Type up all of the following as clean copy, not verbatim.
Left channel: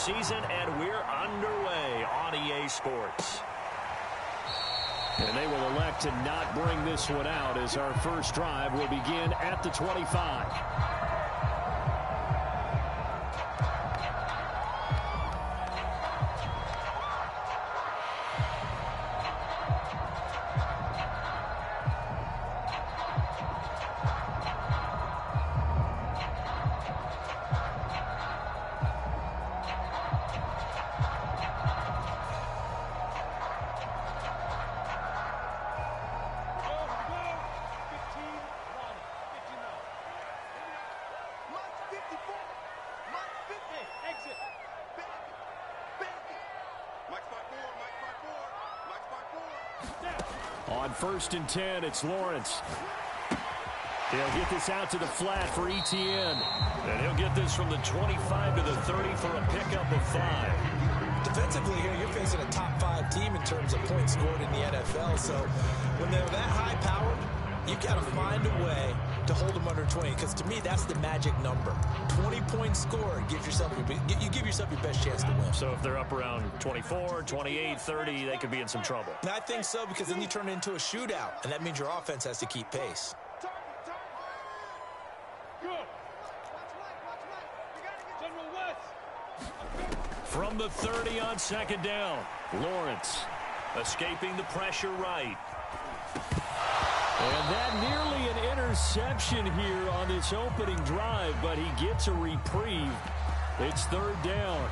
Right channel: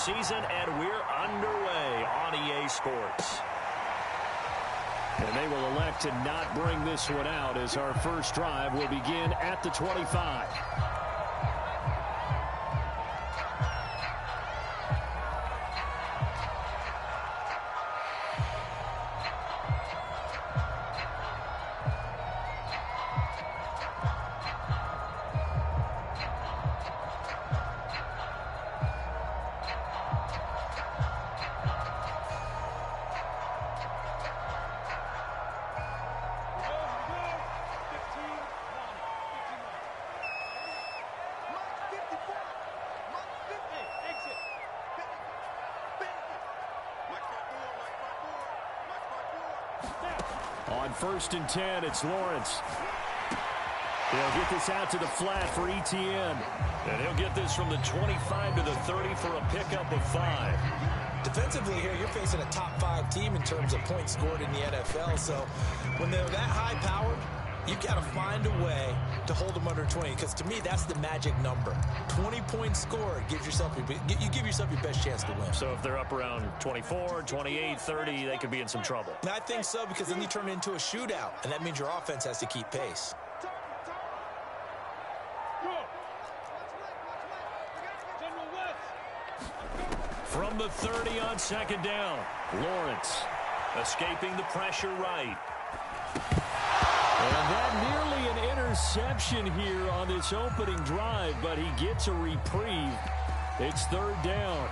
season, and we're underway on EA Sports. And they will elect to not bring this one out as our first drive will begin at the 25. On 1st and 10, it's Lawrence. He'll get this out to the flat for Etienne. And he'll get this from the 25 to the 30 for a pickup of 5. Defensively here, you're facing a top 5 team in terms of points scored in the NFL. So when they're that high-powered, you've got to find a way to hold them under 20, because to me, that's the magic number. 20 points scored gives yourself you give yourself your best chance to win. So if they're up around 24, 28, 30, they could be in some trouble. And I think so, because then you turn it into a shootout, and that means your offense has to keep pace. From the 30 on 2nd down, Lawrence escaping the pressure right. And that nearly an interception here on this opening drive, but he gets a reprieve. It's 3rd down.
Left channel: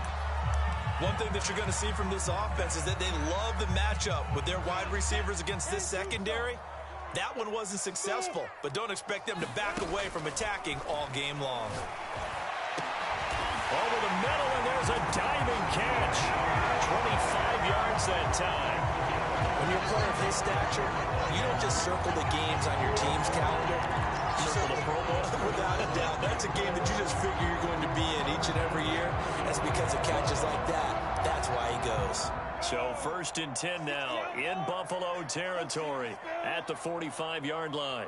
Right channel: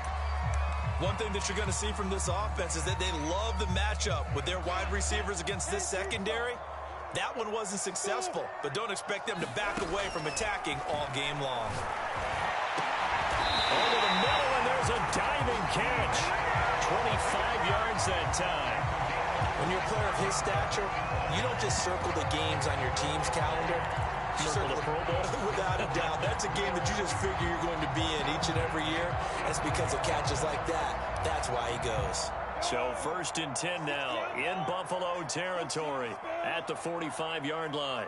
One thing that you're going to see from this offense is that they love the matchup with their wide receivers against this secondary. That one wasn't successful, but don't expect them to back away from attacking all game long. Over the middle, and there's a diving catch. 25 yards that time. When you're a player of his stature, you don't just circle the games on your team's calendar. You circle the Pro Bowl? Without a doubt. That's a game that you just figure you're going to be in each and every year. That's because of catches like that. That's why he goes. So 1st and 10 now in Buffalo territory at the 45-yard line.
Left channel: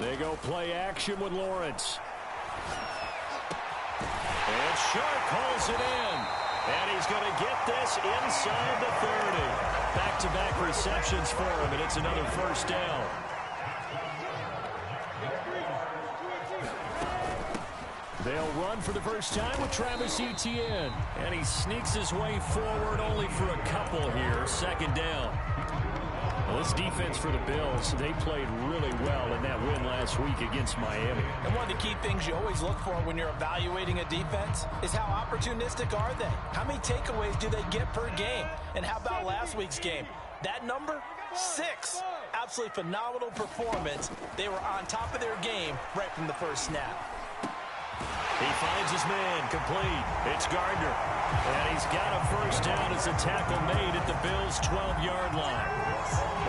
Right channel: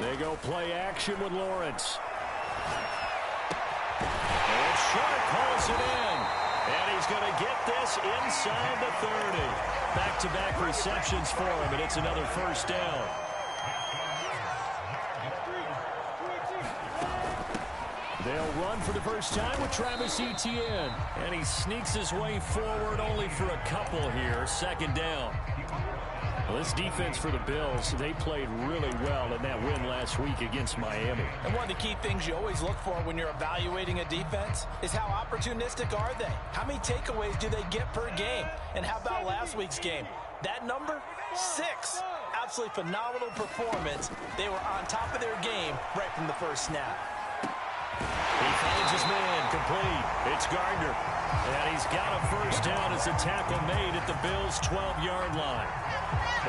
They go play action with Lawrence. And Shark calls it in. And he's going to get this inside the 30. Back-to-back receptions for him, and it's another 1st down. They'll run for the first time with Travis Etienne. And he sneaks his way forward only for a couple here. 2nd down. Well, this defense for the Bills, they played really well in that win last week against Miami. And one of the key things you always look for when you're evaluating a defense is how opportunistic are they? How many takeaways do they get per game? And how about last week's game? That number, 6. Absolutely phenomenal performance. They were on top of their game right from the first snap. He finds his man, complete. It's Gardner. And he's got a 1st down as a tackle made at the Bills' 12-yard line.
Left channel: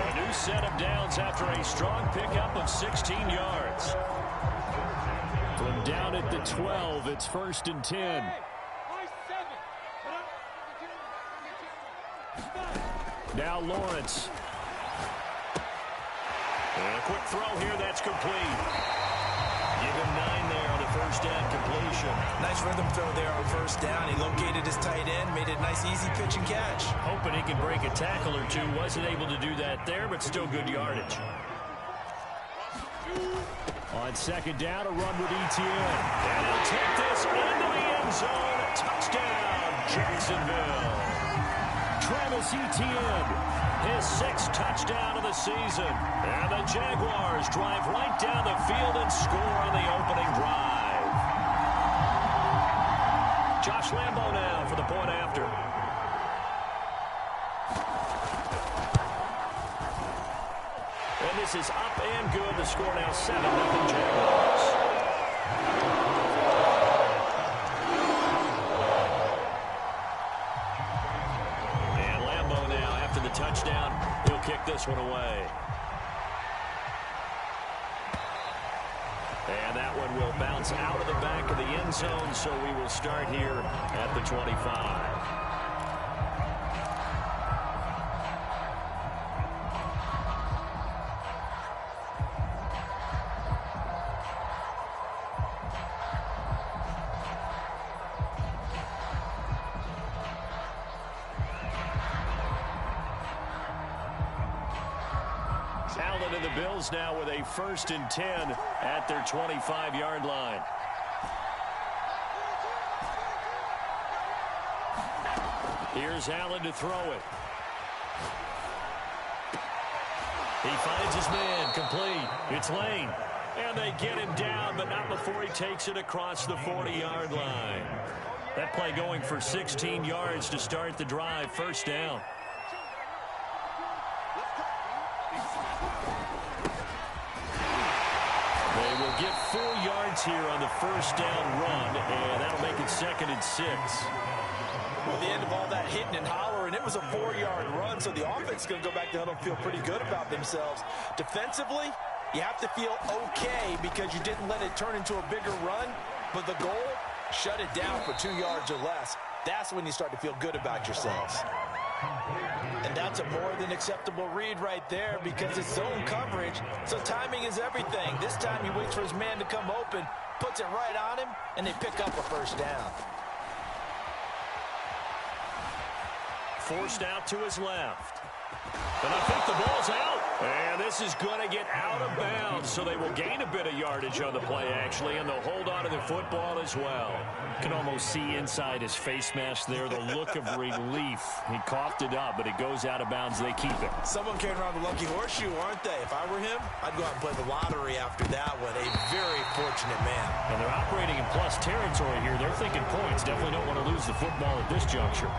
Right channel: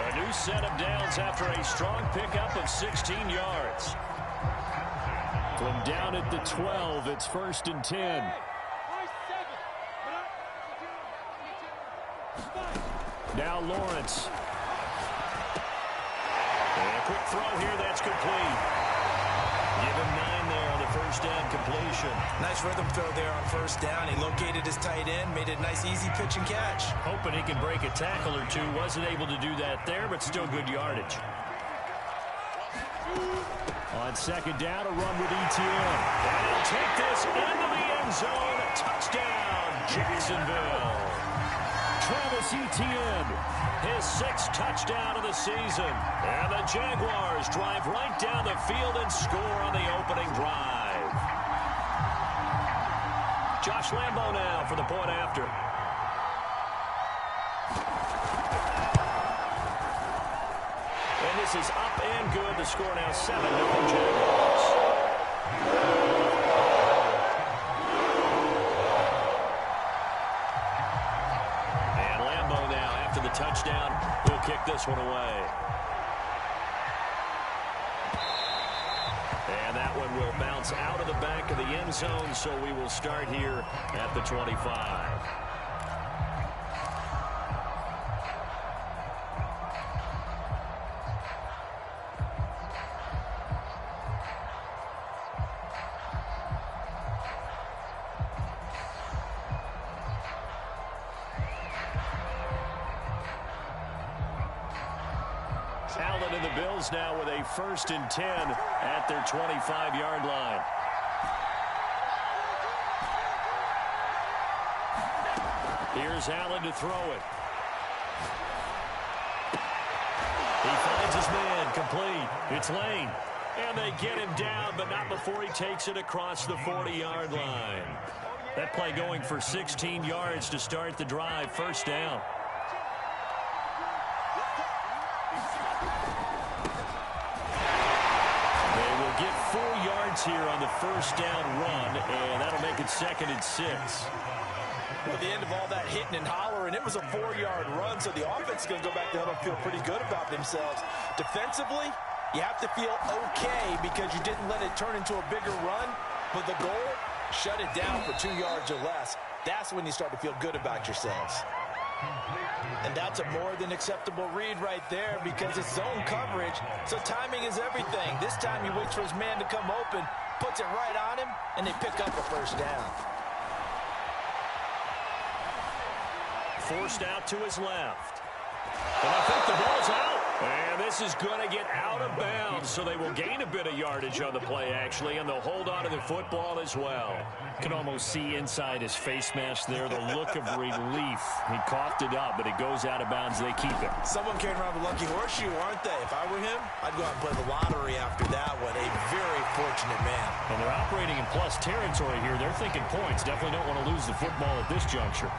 A new set of downs after a strong pickup of 16 yards. From down at the 12, it's 1st and 10. Now Lawrence. And a quick throw here, that's complete. Give him 9 there on the 1st down completion. Nice rhythm throw there on 1st down. He located his tight end, made it a nice easy pitch and catch. Hoping he can break a tackle or two. Wasn't able to do that there, but still good yardage. On 2nd down, a run with Etienne. And he'll take this into the end zone. Touchdown, Jacksonville. Travis Etienne, his 6th touchdown of the season. And the Jaguars drive right down the field and score on the opening drive. Josh Lambo now for the point after. And this is up and good. The score now 7-0 Jaguars. The touchdown, he'll kick this one away. And that one will bounce out of the back of the end zone, so we will start here at the 25. Allen and the Bills now with a 1st and 10 at their 25-yard line. Here's Allen to throw it. He finds his man, complete. It's Lane. And they get him down, but not before he takes it across the 40-yard line. That play going for 16 yards to start the drive, 1st down. They will get 4 yards here on the 1st down run, and that'll make it 2nd and 6. Well, at the end of all that hitting and hollering, it was a 4-yard run, so the offense is going to go back to the huddle and feel pretty good about themselves. Defensively, you have to feel okay because you didn't let it turn into a bigger run, but the goal, shut it down for 2 yards or less. That's when you start to feel good about yourselves. And that's a more than acceptable read right there because it's zone coverage, so timing is everything. This time he waits for his man to come open, puts it right on him, and they pick up a 1st down. Forced out to his left. And I think the ball's out. And this is going to get out of bounds, so they will gain a bit of yardage on the play, actually, and they'll hold on to the football as well. You can almost see inside his face mask there the look of relief. He coughed it up, but it goes out of bounds. They keep it. Someone carrying around the lucky horseshoe, aren't they? If I were him, I'd go out and play the lottery after that one. A very fortunate man. And they're operating in plus territory here. They're thinking points. Definitely don't want to lose the football at this juncture.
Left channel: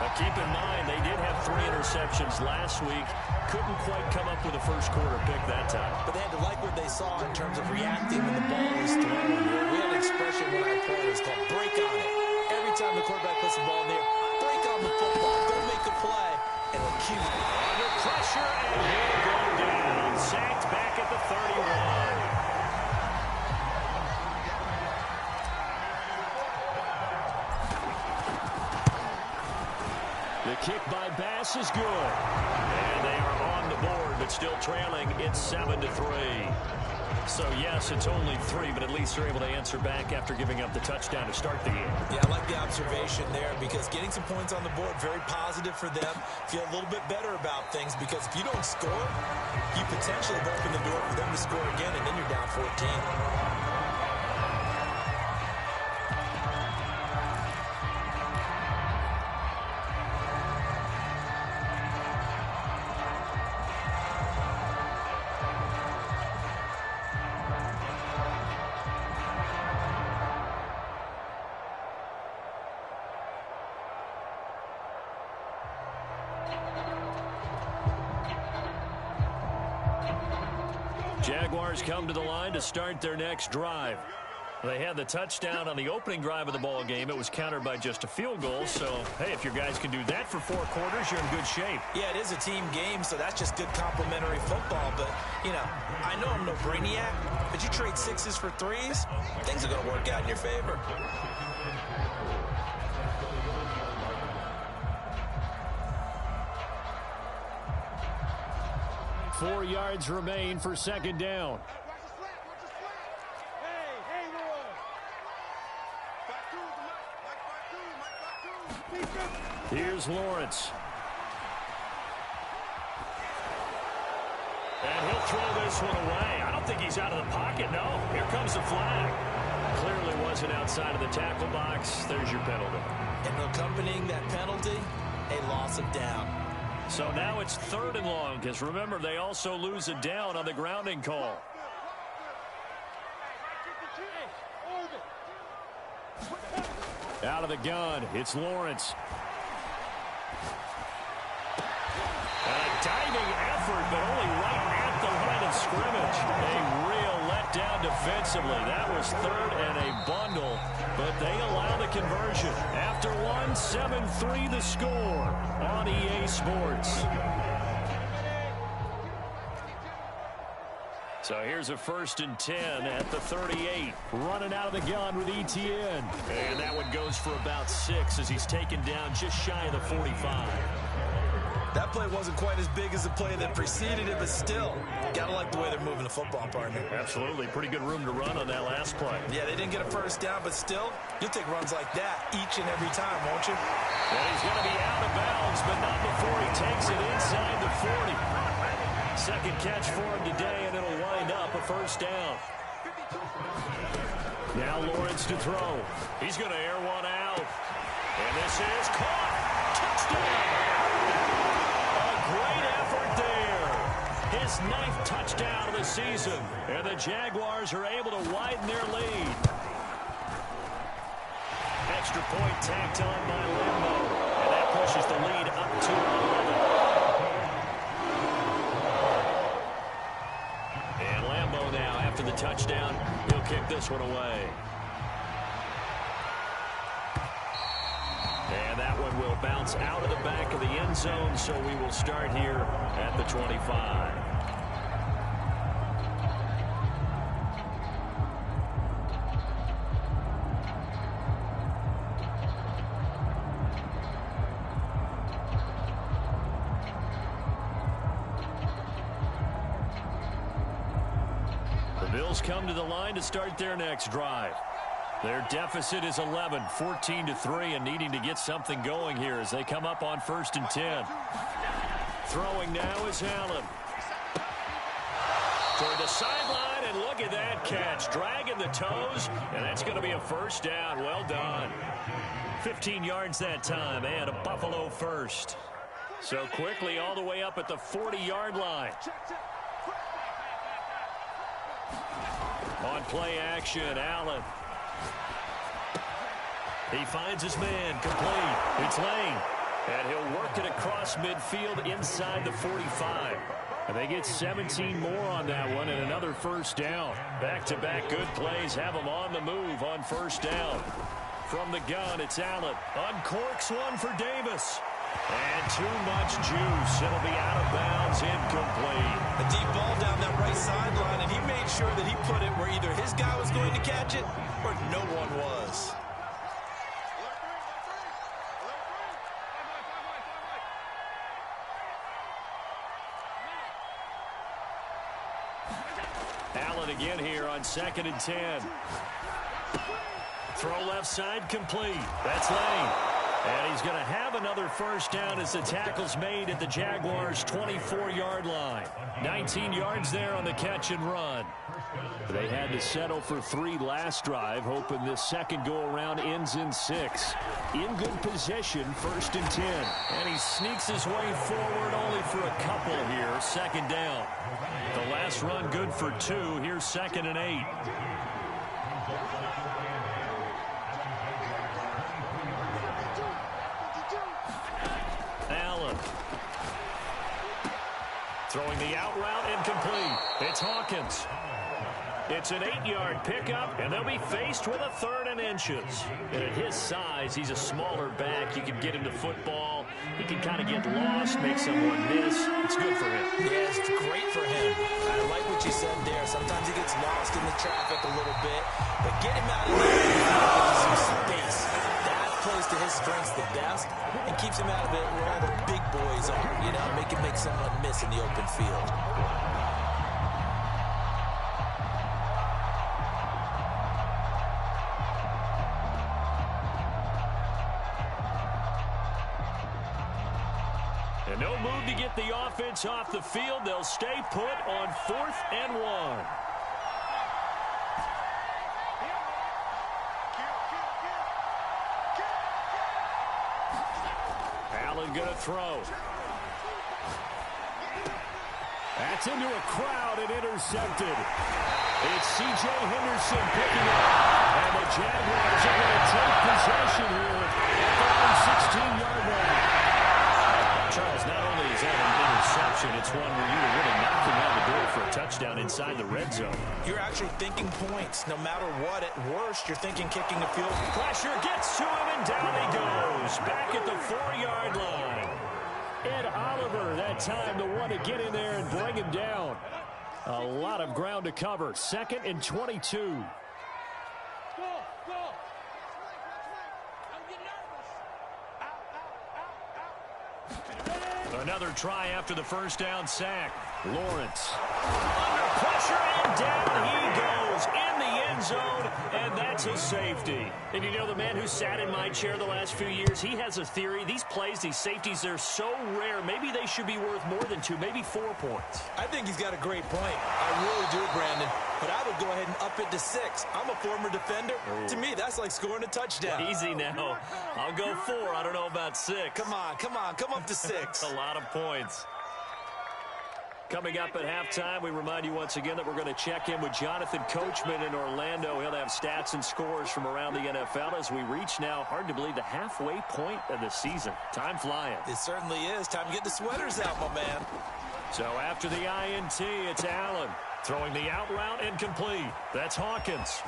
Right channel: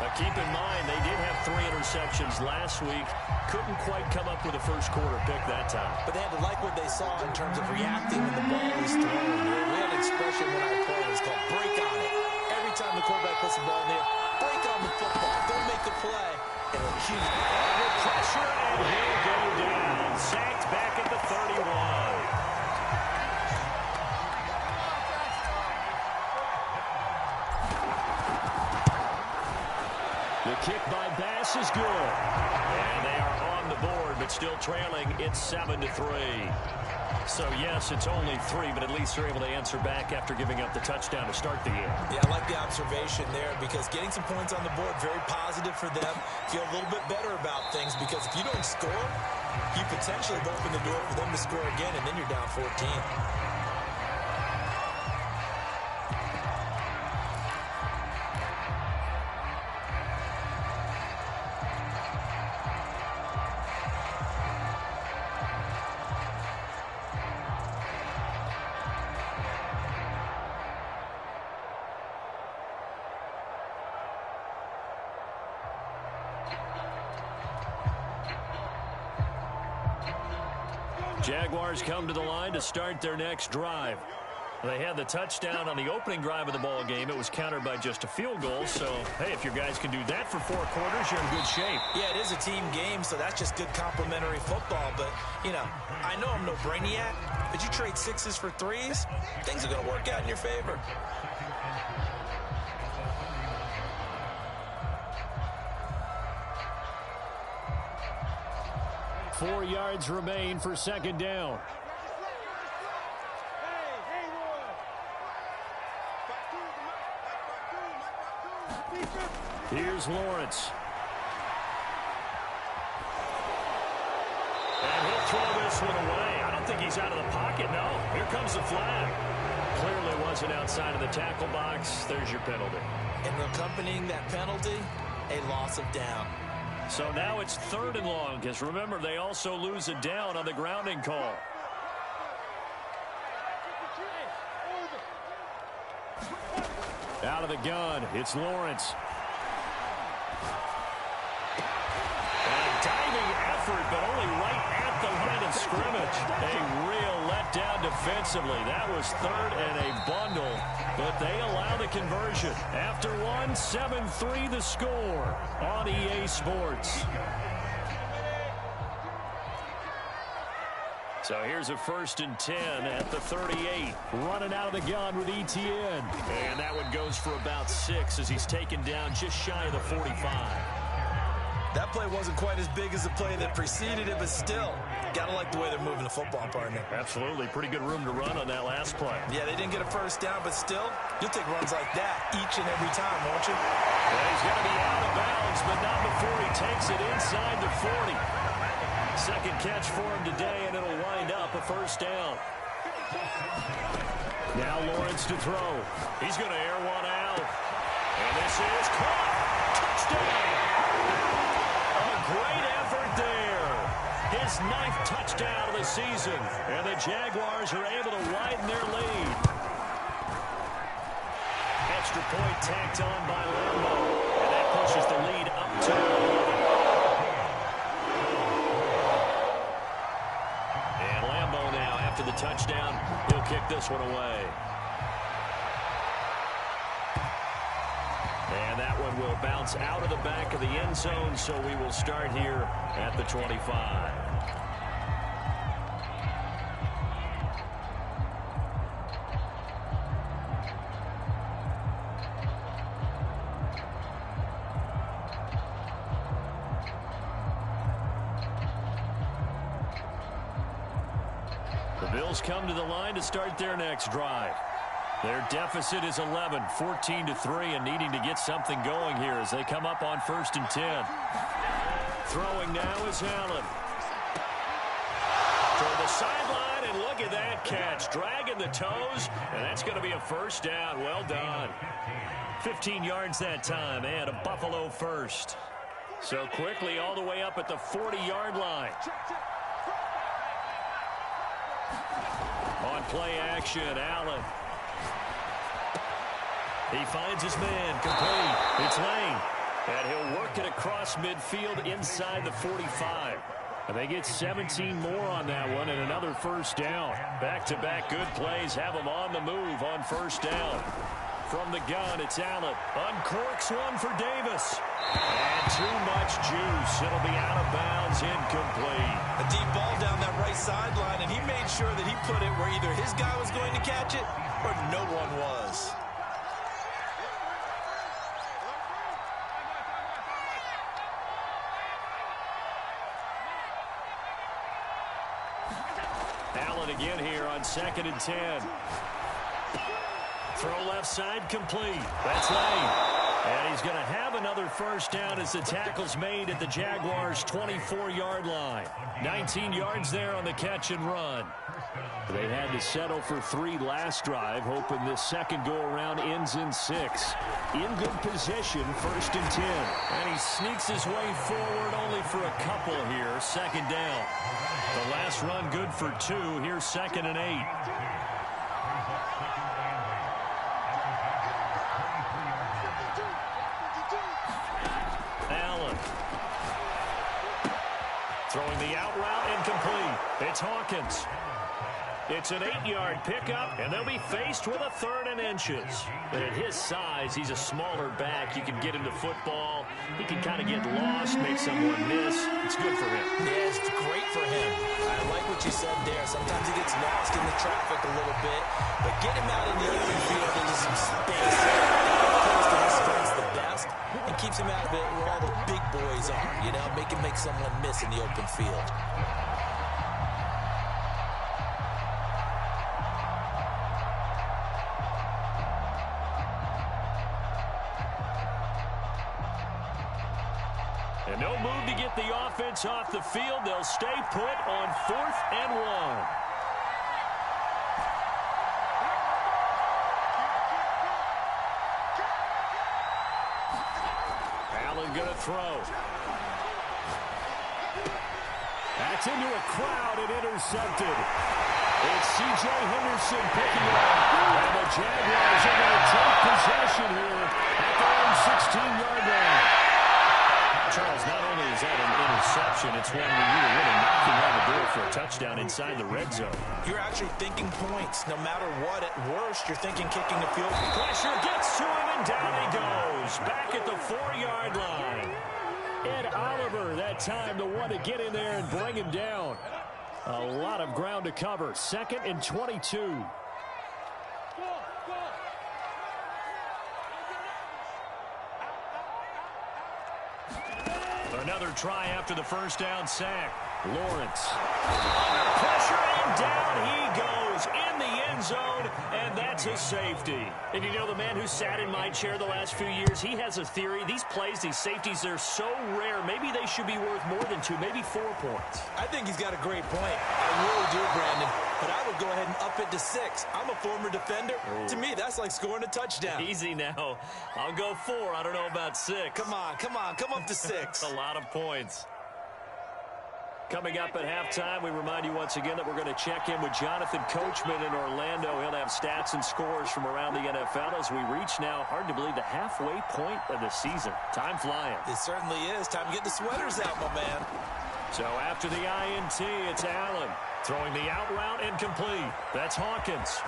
But keep in mind, they did have 3 interceptions last week. Couldn't quite come up with a first-quarter pick that time. But they had to like what they saw in terms of reacting when the ball is thrown. We had an expression when I played. It's called break on it. Every time the quarterback puts the ball in there, break on the football. Go make a play. And it'll keep under pressure, and he'll go down. Sacked back at the 31. The kick by Bass is good. And they are on the board, but still trailing. It's 7-3. So, yes, it's only 3, but at least they're able to answer back after giving up the touchdown to start the game. Yeah, I like the observation there because getting some points on the board, very positive for them. Feel a little bit better about things because if you don't score, you potentially have opened the door for them to score again, and then you're down 14. Jaguars come to the line to start their next drive. They had the touchdown on the opening drive of the ball game. It was countered by just a field goal. So, hey, if your guys can do that for 4 quarters, you're in good shape. Yeah, it is a team game, so that's just good complimentary football. But, you know, I know I'm no brainiac, but you trade 6s for 3s, things are going to work out in your favor. Four yards remain for 2nd down. Here's Lawrence. And he'll throw this one away. I don't think he's out of the pocket, no. Here comes the flag. Clearly wasn't outside of the tackle box. There's your penalty. And accompanying that penalty, a loss of down. So now it's 3rd and long, because remember, they also lose a down on the grounding call. Out of the gun, it's Lawrence. And a diving effort, but only right at the line of scrimmage. A real letdown defensively. That was 3rd and a bundle, but they allow the conversion. After one, 7-3 the score on EA Sports. So here's a 1st and 10 at the 38. Running out of the gun with ETN. And that one goes for about 6 as he's taken down just shy of the 45. That play wasn't quite as big as the play that preceded it, but still, got to like the way they're moving the football, partner. Absolutely. Pretty good room to run on that last play. Yeah, they didn't get a first down, but still, you'll take runs like that each and every time, won't you? And he's going to be out of bounds, but not before he takes it inside the 40. Second catch for him today, and it'll wind up a first down. Now Lawrence to throw. He's going to air one out. And this is caught. Touchdown. A great effort there. His 9th touchdown of the season. And the Jaguars are able to widen their lead. Extra point tacked on by Lambo. And that pushes the lead up to 11. And Lambo now, after the touchdown, he'll kick this one away. And that one will bounce out of the back of the end zone, so we will start here at the 25. The Bills come to the line to start their next drive. Their deficit is 11, 14-3, and needing to get something going here as they come up on 1st and 10. Throwing now is Allen. Toward the sideline, and look at that catch. Dragging the toes, and that's going to be a first down. Well done. 15 yards that time, and a Buffalo first. So quickly all the way up at the 40-yard line. On play action, Allen. He finds his man, complete. It's Lane. And he'll work it across midfield inside the 45. And they get 17 more on that one and another first down. Back-to-back good plays have them on the move on first down. From the gun, it's Allen. Uncorks one for Davis. And too much juice. It'll be out of bounds, incomplete. A deep ball down that right sideline, and he made sure that he put it where either his guy was going to catch it or no one was. Allen again here on 2nd and 10. Throw left side complete. That's Lane. And he's going to have another first down as the tackle's made at the Jaguars' 24-yard line. 19 yards there on the catch and run. They had to settle for 3 last drive, hoping this second go-around ends in 6. In good position, 1st and 10. And he sneaks his way forward only for a couple here. 2nd down. The last run good for 2. Here's 2nd and 8. Allen. Throwing the out route incomplete. It's Hawkins. It's an 8-yard pickup, and they'll be faced with a 3rd and inches. And at his size, he's a smaller back. You can get into football. He can kind of get lost, make someone miss. It's good for him. Yeah, it's great for him. I like what you said there. Sometimes he gets lost in the traffic a little bit, but get him out in the open field into some space. That plays to his strengths the best and keeps him out of it where all the big boys are, you know, make someone miss in the open field. And no move to get the offense off the field. They'll stay put on 4th and 1. Allen going to throw. That's into a crowd and intercepted. It's C.J. Henderson picking it up. And the Jaguars are going to take possession here at their own 16-yard line. Charles, not only is that an interception, it's one where you were really knocking on the door for a touchdown inside the red zone. You're actually thinking points. No matter what, at worst, you're thinking kicking a field. Pressure gets to him, and down he goes. Back at the 4-yard line. Ed Oliver, that time, the one to get in there and bring him down. A lot of ground to cover. 2nd and 22. Another try after the first down sack. Lawrence under pressure, and down he goes in the end zone, and that's a safety. And you know, the man who sat in my chair the last few years, he has a theory. These plays, these safeties, they're so rare. Maybe they should be worth more than 2, maybe 4 points. I think he's got a great point. I really do, Brandon. But I would go ahead and up it to 6. I'm a former defender. Ooh. To me, that's like scoring a touchdown. Easy now. I'll go 4. I don't know about 6. Come on. Come up to 6. A lot of points. Coming up at halftime, we remind you once again that we're going to check in with Jonathan Coachman in Orlando. He'll have stats and scores from around the NFL as we reach now, hard to believe, the halfway point of the season. Time flying. It certainly is. Time to get the sweaters out, my man. So after the INT, it's Allen throwing the out route incomplete. That's Hawkins.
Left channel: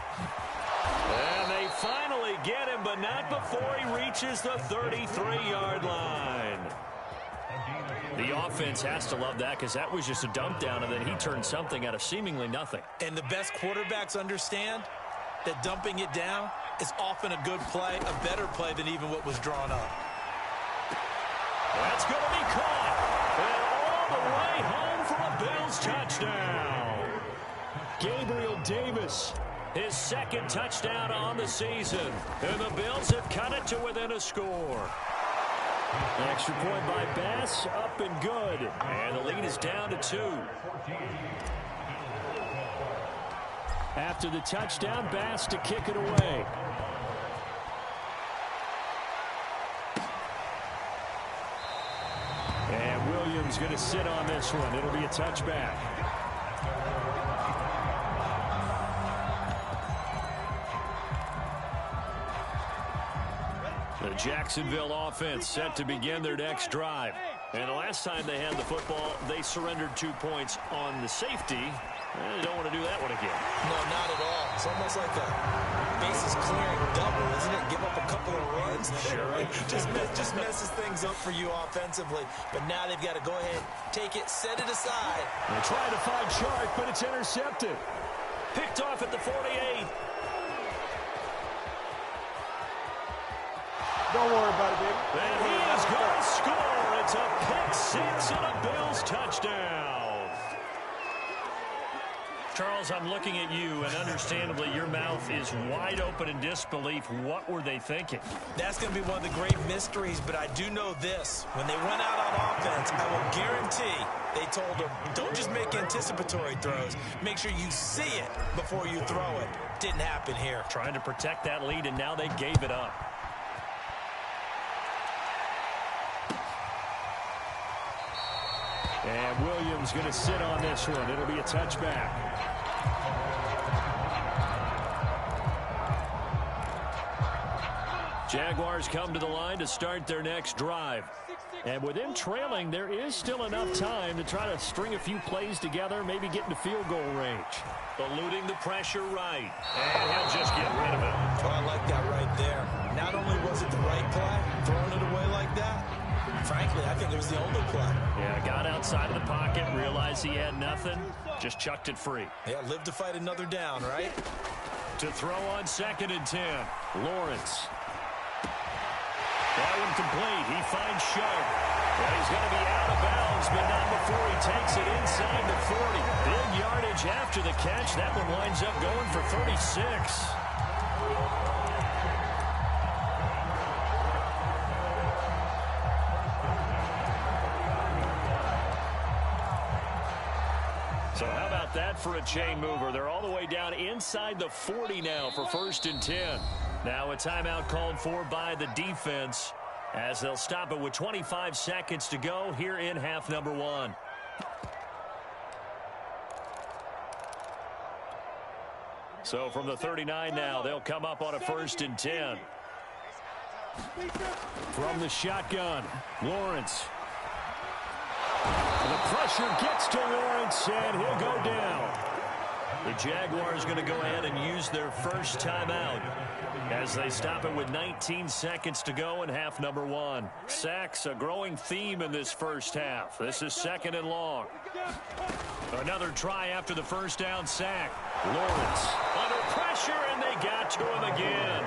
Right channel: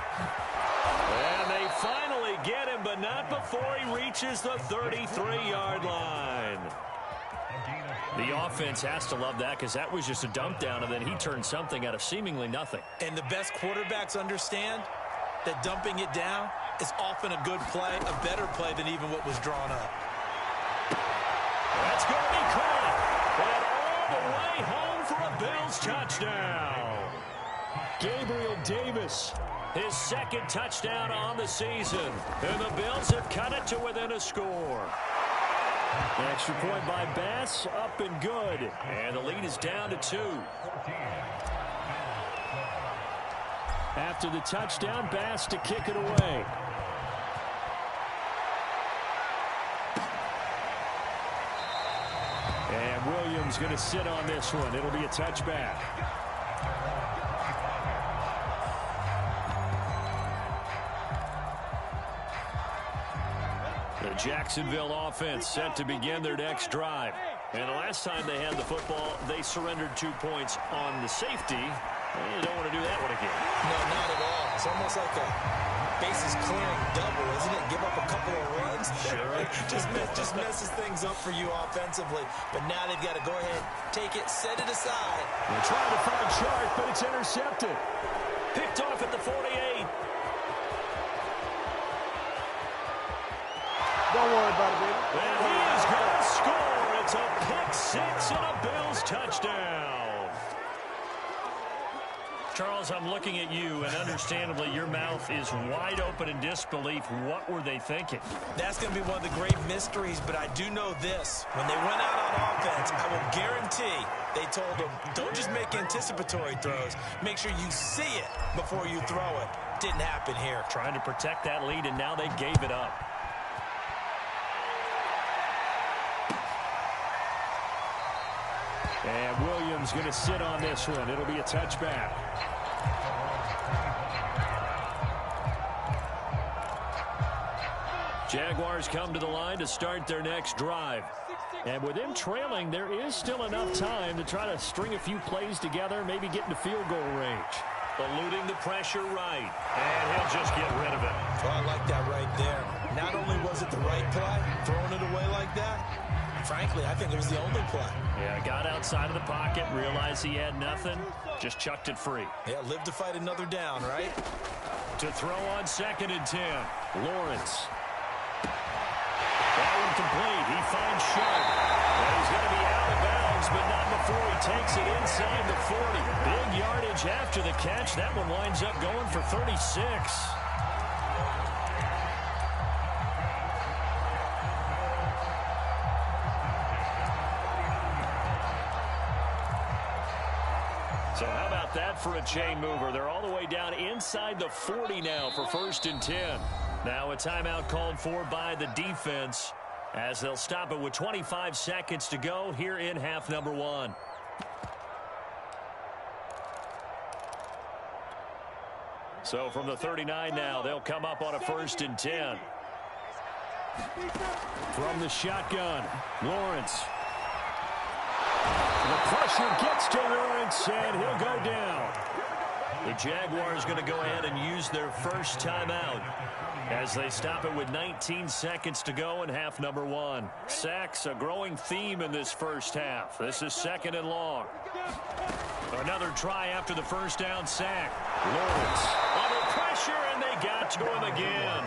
And they finally get him, but not before he reaches the 33-yard line. The offense has to love that because that was just a dump down, and then he turned something out of seemingly nothing. And the best quarterbacks understand that dumping it down is often a good play, a better play than even what was drawn up. That's going to be caught. And all the way home for a Bills touchdown. Gabriel Davis, his second touchdown on the season. And the Bills have cut it to within a score. Extra point by Bass, up and good. And the lead is down to 2. After the touchdown, Bass to kick it away. And Williams going to sit on this one. It'll be a touchback. The Jacksonville offense set to begin their next drive. And the last time they had the football, they surrendered 2 points on the safety. They don't want to do that one again. No, not at all. It's almost like a bases clearing double, isn't it? Give up a couple of runs. Sure. just messes things up for you offensively. But now they've got to go ahead, take it, set it aside. They're trying to find Chark, but it's intercepted. Picked off at the 48. Don't worry about it, baby. And he is going to score. It's a pick-6 and a Bills touchdown. Charles, I'm looking at you, and understandably, your mouth is wide open in disbelief. What were they thinking? That's going to be one of the great mysteries, but I do know this. When they went out on offense, I will guarantee they told them, don't just make anticipatory throws. Make sure you see it before you throw it. Didn't happen here. Trying to protect that lead, and now they gave it up. And Williams going to sit on this one. It'll be a touchback. Jaguars come to the line to start their next drive. And with them trailing, there is still enough time to try to string a few plays together, maybe get into field goal range. Eluding the pressure right. And he'll just get rid of it. Oh, I like that right there. Not only was it the right play, throwing it away like that, frankly, I think it was the only play. Yeah, got outside of the pocket, realized he had nothing, just chucked it free. Yeah, live to fight another down, right? To throw on 2nd and 10, Lawrence. That one complete. He finds Sharp. And he's going to be out of bounds, but not before he takes it inside the 40. Big yardage after the catch. That one winds up going for 36. So how about that for a chain mover? They're all the way down inside the 40 now for 1st and 10. Now a timeout called for by the defense as they'll stop it with 25 seconds to go here in half number 1. So from the 39 now, they'll come up on a 1st and 10. From the shotgun, Lawrence. The pressure gets to Lawrence, and he'll go down. The Jaguars going to go ahead and use their first timeout as they stop it with 19 seconds to go in half number 1. Sacks, a growing theme in this first half. This is 2nd and long. Another try after the first down sack. Lawrence under pressure, and they got to him again.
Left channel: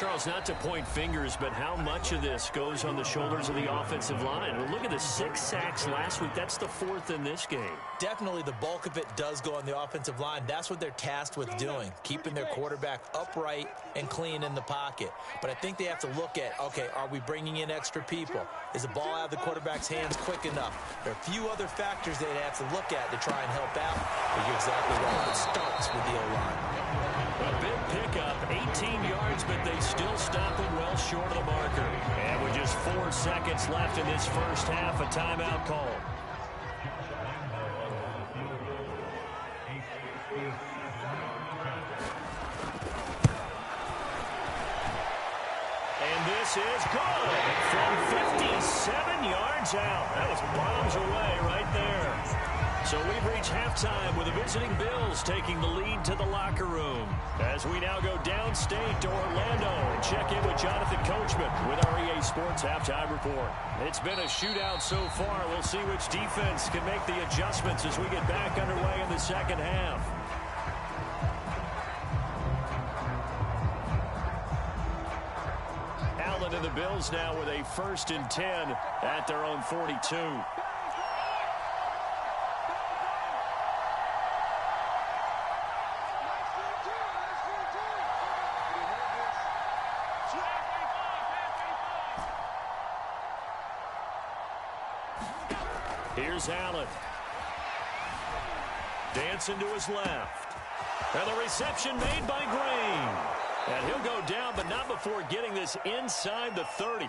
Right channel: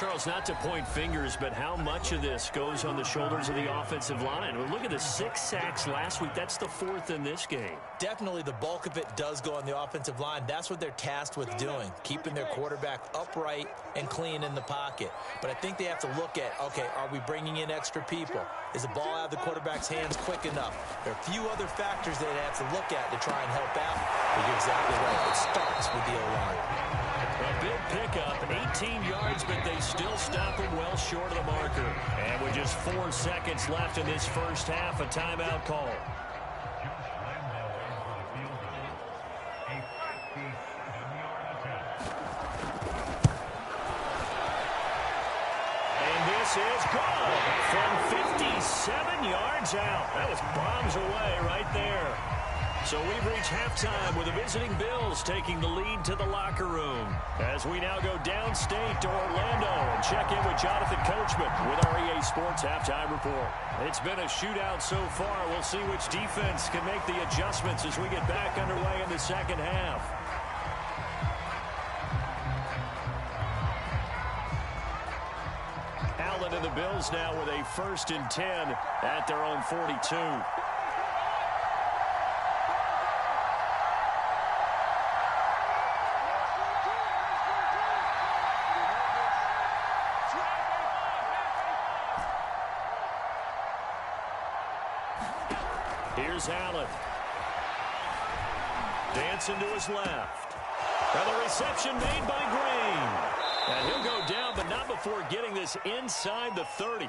Charles, not to point fingers, but how much of this goes on the shoulders of the offensive line? Well, look at the 6 sacks last week. That's the 4th in this game. Definitely the bulk of it does go on the offensive line. That's what they're tasked with doing, keeping their quarterback upright and clean in the pocket. But I think they have to look at, okay, are we bringing in extra people? Is the ball out of the quarterback's hands quick enough? There are a few other factors they'd have to look at to try and help out. But you're exactly right. It starts with the O-line. A big pickup, 18 yards, but they still stop him well short of the marker. And with just 4 seconds left in this first half, a timeout call. And this is good from 57 yards out. That was bombs away right there. So we've reached halftime with the visiting Bills taking the lead to the locker room. As we now go downstate to Orlando and check in with Jonathan Coachman with our EA Sports Halftime Report. It's been a shootout so far. We'll see which defense can make the adjustments as we get back underway in the second half. Allen and the Bills now with a 1st and 10 at their own 42. Here's Allen. Dancing to his left. And the reception made by Green. And he'll go down, but not before getting this inside the 30.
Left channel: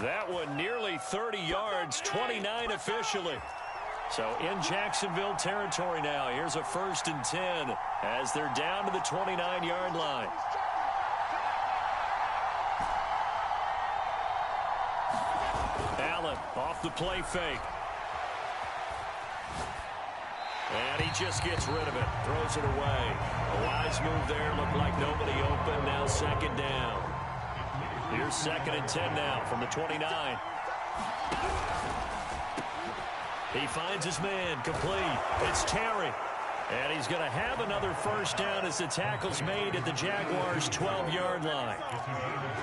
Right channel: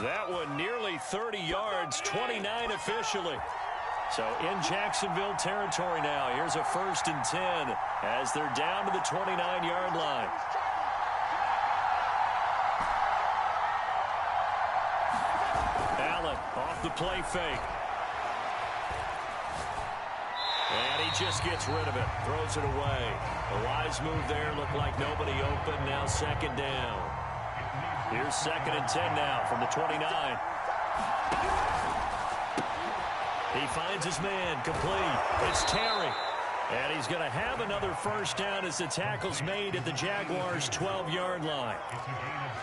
That one nearly 30 yards, 29 officially. So in Jacksonville territory now. Here's a 1st and 10 as they're down to the 29-yard line. Allen off the play fake. And he just gets rid of it, throws it away. A wise move there, looked like nobody open, now 2nd down. Here's 2nd and 10 now from the 29. He finds his man, complete. It's Terry. And he's going to have another 1st down as the tackle's made at the Jaguars' 12-yard line.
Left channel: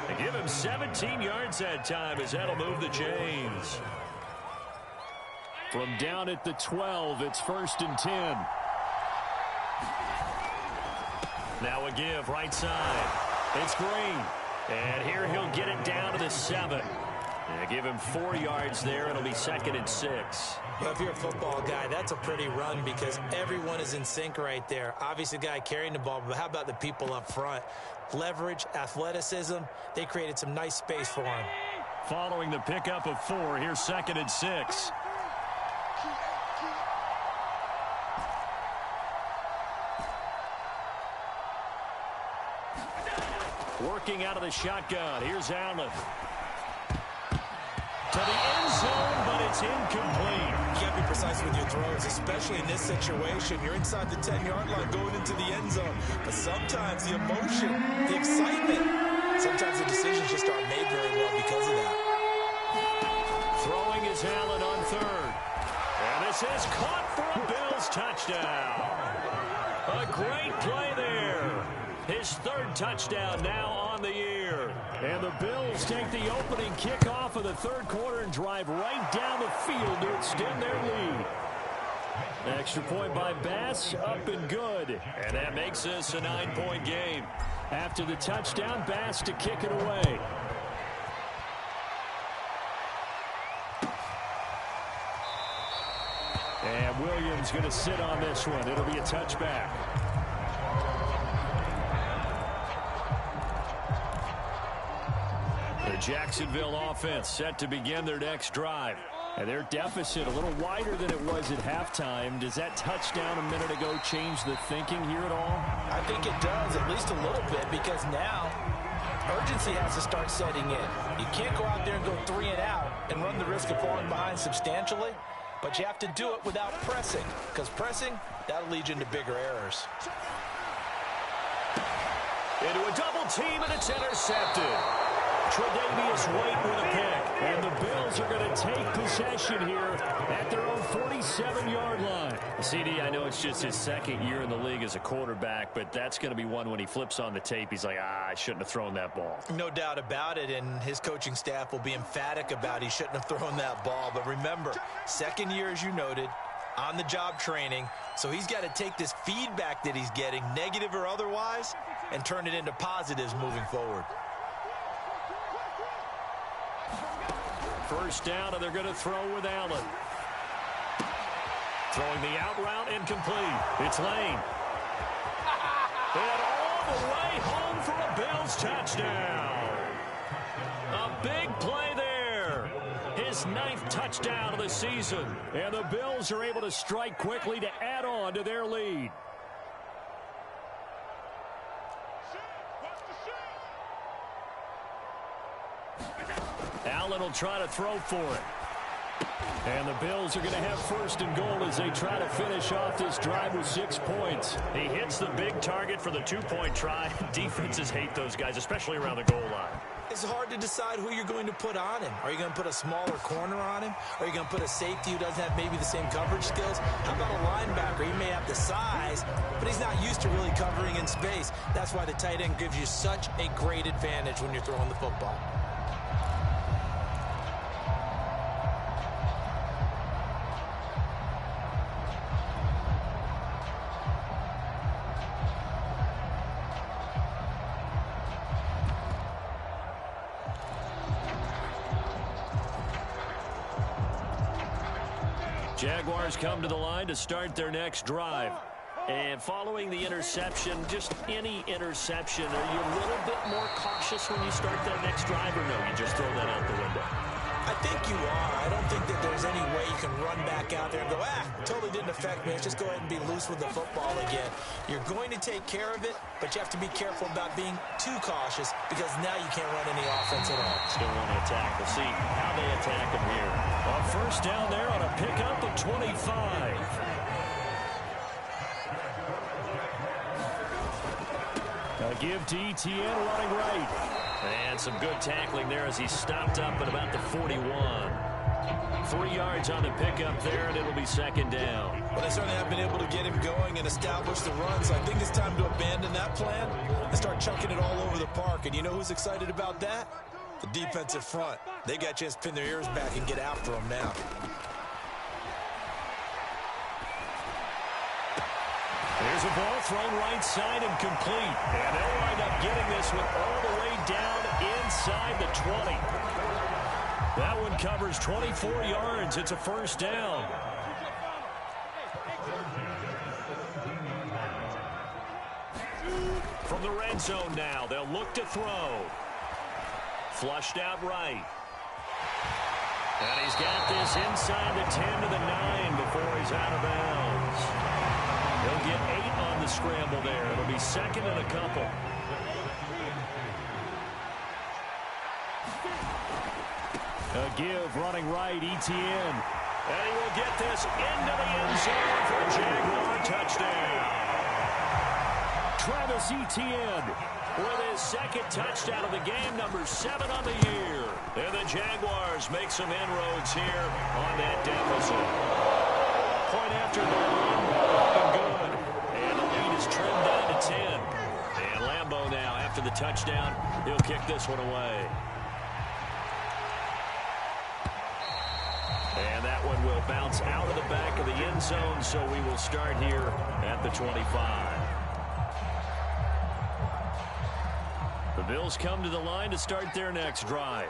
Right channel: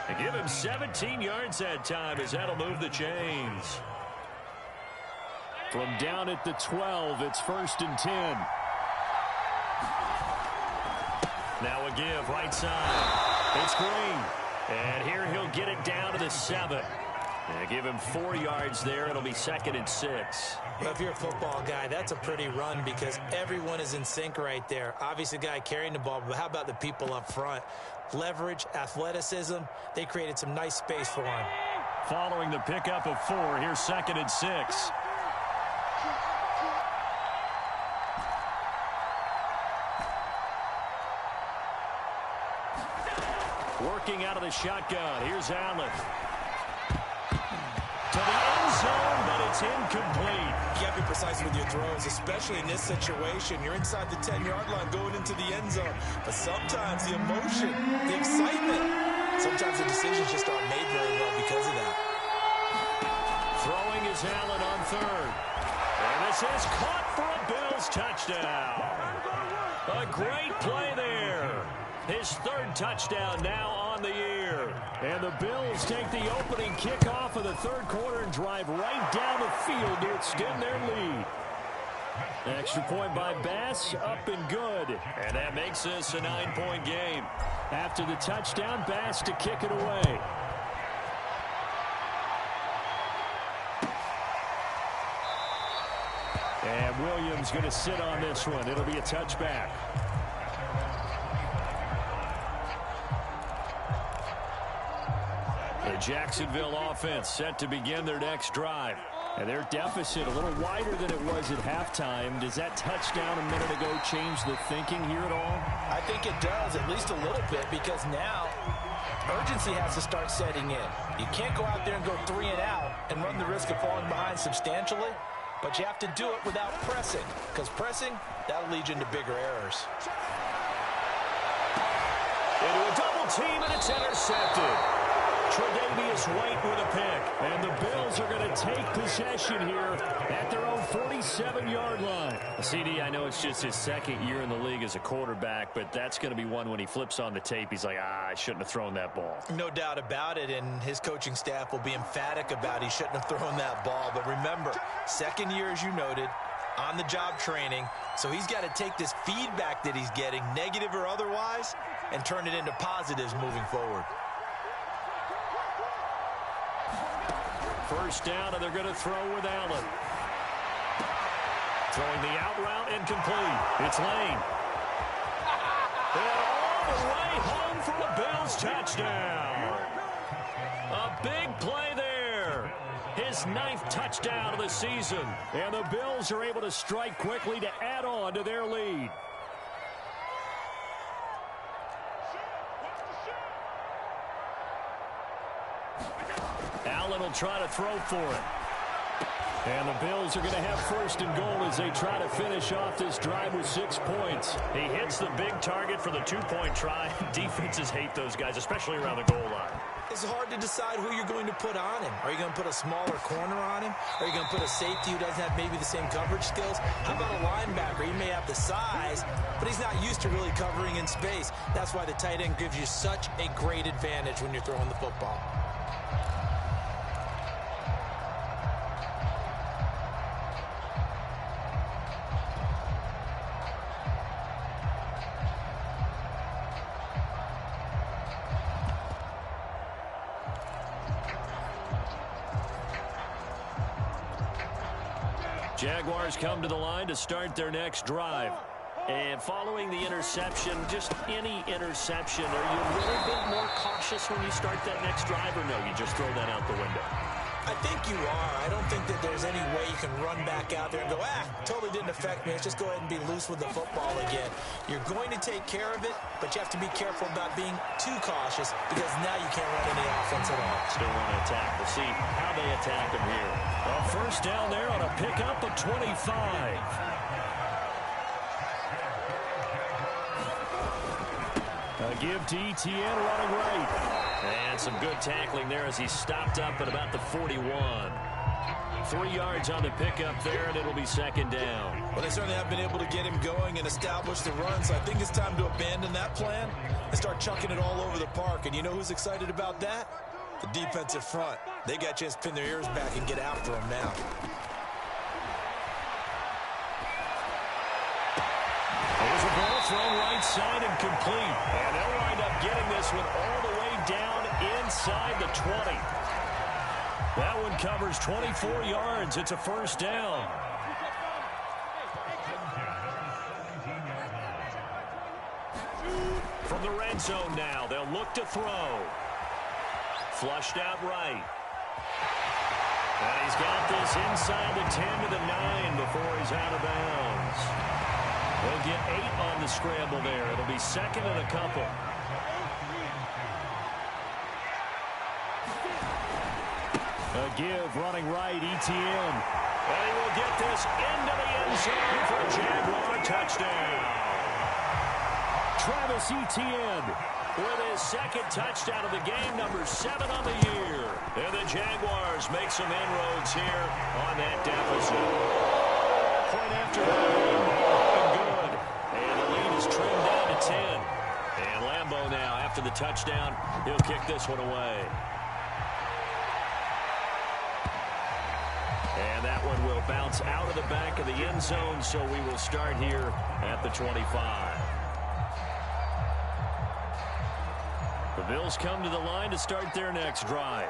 They give him 17 yards that time as that'll move the chains. From down at the 12, it's 1st and 10. Now a give, right side. It's Green. And here he'll get it down to the 7. And give him 4 yards there. It'll be 2nd and 6. Well, if you're a football guy, that's a pretty run because everyone is in sync right there. Obviously, the guy carrying the ball, but how about the people up front? Leverage, athleticism, they created some nice space for him. Following the pickup of 4, here's 2nd and 6. Working out of the shotgun. Here's Allen. To the end zone, but it's incomplete. You got to be precise with your throws, especially in this situation. You're inside the 10-yard line going into the end zone. But sometimes the emotion, the excitement, sometimes the decisions just aren't made very well because of that. Throwing is Allen on 3rd. And this is caught for a Bills touchdown. A great play there. His 3rd touchdown now on the year. And the Bills take the opening kickoff of the 3rd quarter and drive right down the field to extend their lead. Extra point by Bass, up and good. And that makes this a 9-point game. After the touchdown, Bass to kick it away. And Williams going to sit on this one. It'll be a touchback. The Jacksonville offense set to begin their next drive. And their deficit a little wider than it was at halftime. Does that touchdown a minute ago change the thinking here at all? I think it does, at least a little bit, because now urgency has to start setting in. You can't go out there and go 3 and out and run the risk of falling behind substantially, but you have to do it without pressing, because pressing, that'll lead you into bigger errors. Into a double team, and it's intercepted. Tre'Davious White with a pick. And the Bills are going to take possession here at their own 47-yard line. CD, I know it's just his second year in the league as a quarterback, but that's going to be one when he flips on the tape. He's like, I shouldn't have thrown that ball. No doubt about it, and his coaching staff will be emphatic about he shouldn't have thrown that ball. But remember, second year, as you noted, on-the-job training, so he's got to take this feedback that he's getting, negative or otherwise, and turn it into positives moving forward. First down, and they're going to throw with Allen. Throwing the out route, incomplete. It's Lane. And all the way home for a Bills touchdown. A big play there. His 9th touchdown of the season. And the Bills are able to strike quickly to add on to their lead. Allen will try to throw for it. And the Bills are going to have first and goal as they try to finish off this drive with 6 points. He hits the big target for the 2-point try. Defenses hate those guys, especially around the goal line. It's hard to decide who you're going to put on him. Are you going to put a smaller corner on him? Are you going to put a safety who doesn't have maybe the same coverage skills? How about a linebacker? He may have the size, but he's not used to really covering in space. That's why the tight end gives you such a great advantage when you're throwing the football. Jaguars come to the line to start their next drive. And following the interception, just any interception, are you a little bit more cautious when you start that next drive, or no, you just throw that out the window? I think you are. I don't think that there's any way you can run back out there and go, totally didn't affect me. Let's just go ahead and be loose with the football again. You're going to take care of it, but you have to be careful about being too cautious because now you can't run any offense at all. Still want to attack. We'll see how they attack him here. A first down there on a pickup of 25. A give to Etienne running right. And some good tackling there as he stopped up at about the 41. 3 yards on the pickup there, and it'll be second down. Well, they certainly have been able to get him going and establish the run, so I think it's time to abandon that plan and start chucking it all over the park. And you know who's excited about that? The defensive front. They got a chance to pin their ears back and get after him now. There's a ball thrown right side and complete. And they'll wind up getting this one all the way down inside the 20. That one covers 24 yards. It's a first down. From the red zone now, they'll look to throw. Flushed out right. And he's got this inside the 10 to the 9 before he's out of bounds. He'll get 8 on the scramble there. It'll be second and a couple. A give running right, Etienne. And he will get this into the end zone for a Jaguar touchdown. Travis Etienne with his second touchdown of the game, number 7 on the year. And the Jaguars make some inroads here on that deficit. Point after Lambeau, good. And the lead is trimmed down to 10. And Lambeau now, after the touchdown, he'll kick this one away. And that one will bounce out of the back of the end zone, so we will start here at the 25. The Bills come to the line to start their next drive.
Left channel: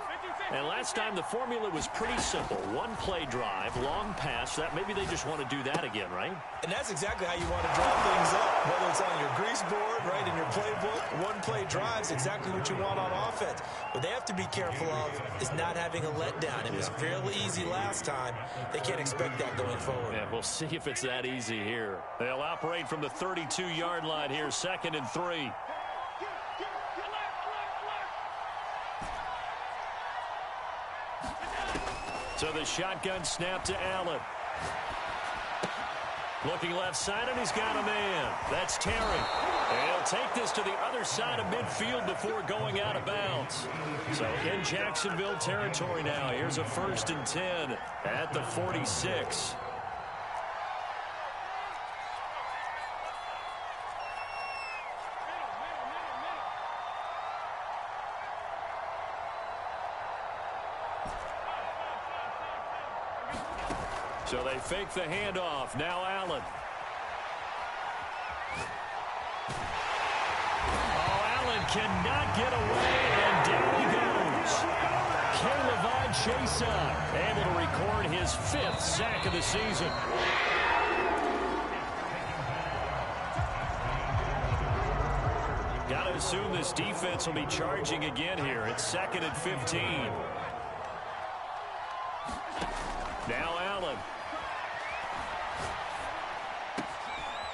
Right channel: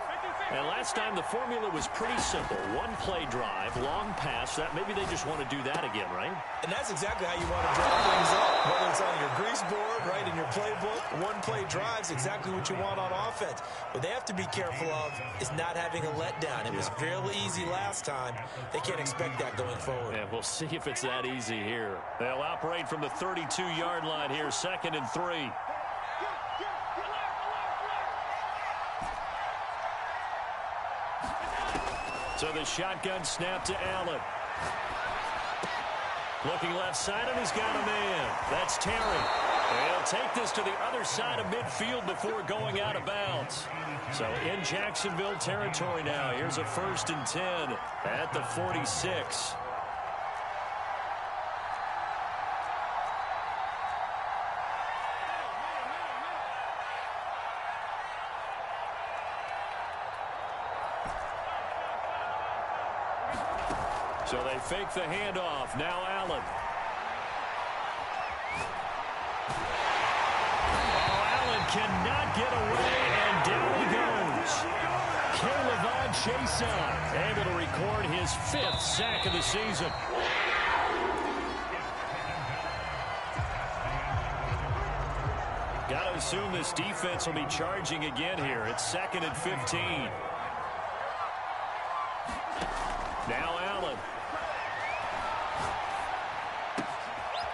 And last time the formula was pretty simple. One play drive, long pass. That maybe they just want to do that again, right? And that's exactly how you want to draw things up. Whether it's on your grease board, right, in your playbook, one play drives exactly what you want on offense. What they have to be careful of is not having a letdown. It was fairly easy last time. They can't expect that going forward. Yeah, we'll see if it's that easy here. They'll operate from the 32-yard line here, 2nd and 3. So the shotgun snap to Allen. Looking left side, and he's got a man. That's Terry. He'll take this to the other side of midfield before going out of bounds. So in Jacksonville territory now. Here's a 1st and 10 at the 46. So they fake the handoff. Now Allen. Cannot get away, and down he goes. K'Lavon Chaisson able to record his 5th sack of the season. Got to assume this defense will be charging again here. It's 2nd and 15. Now Allen.